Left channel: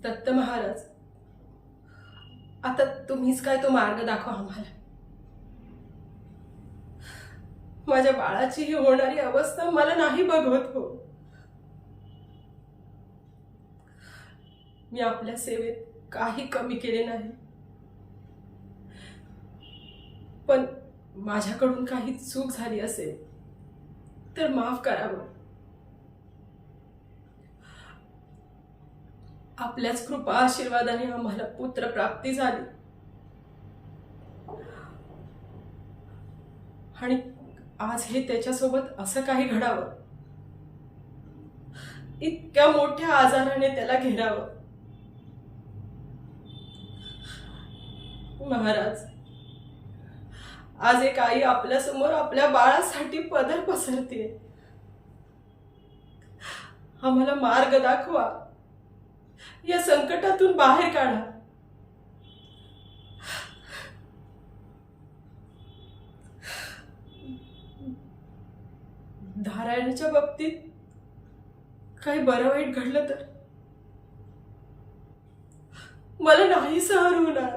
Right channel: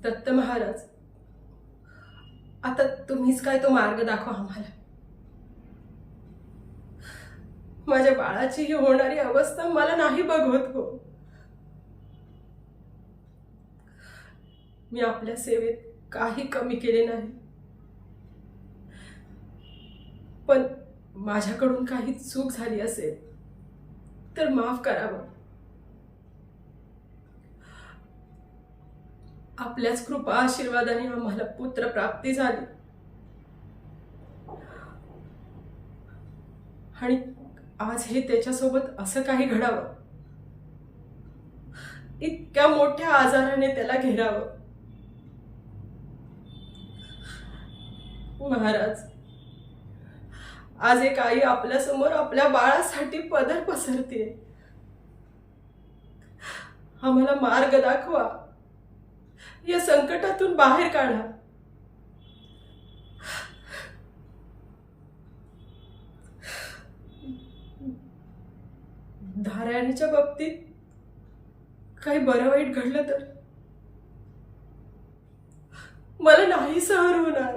दत्त महाराज, आता तुम्हीच काय तो मार्ग दाखवा आम्हाला. माझ्या बाळाची ही होणारी अवस्था मला नाही बघवत हो. मी आपल्या सेवेत काही कमी केले नाही, पण माझ्याकडून काही चूक झाली असेल तर माफ करावं. आपल्याच कृपा आशीर्वादाने आम्हाला पुत्र प्राप्ती झाली आणि आज हे त्याच्यासोबत असं काही घडावं, इतक्या मोठ्या आजाराने त्याला घेरावं. महाराज, आज एक आई आपल्या समोर आपल्या बाळासाठी पदर पसरते. आम्हाला मार्ग दाखवा, या संकटातून बाहेर काढा. नारायणाच्या बाबतीत काही बरं वाईट घडलं तर मला नाही सहन होणार.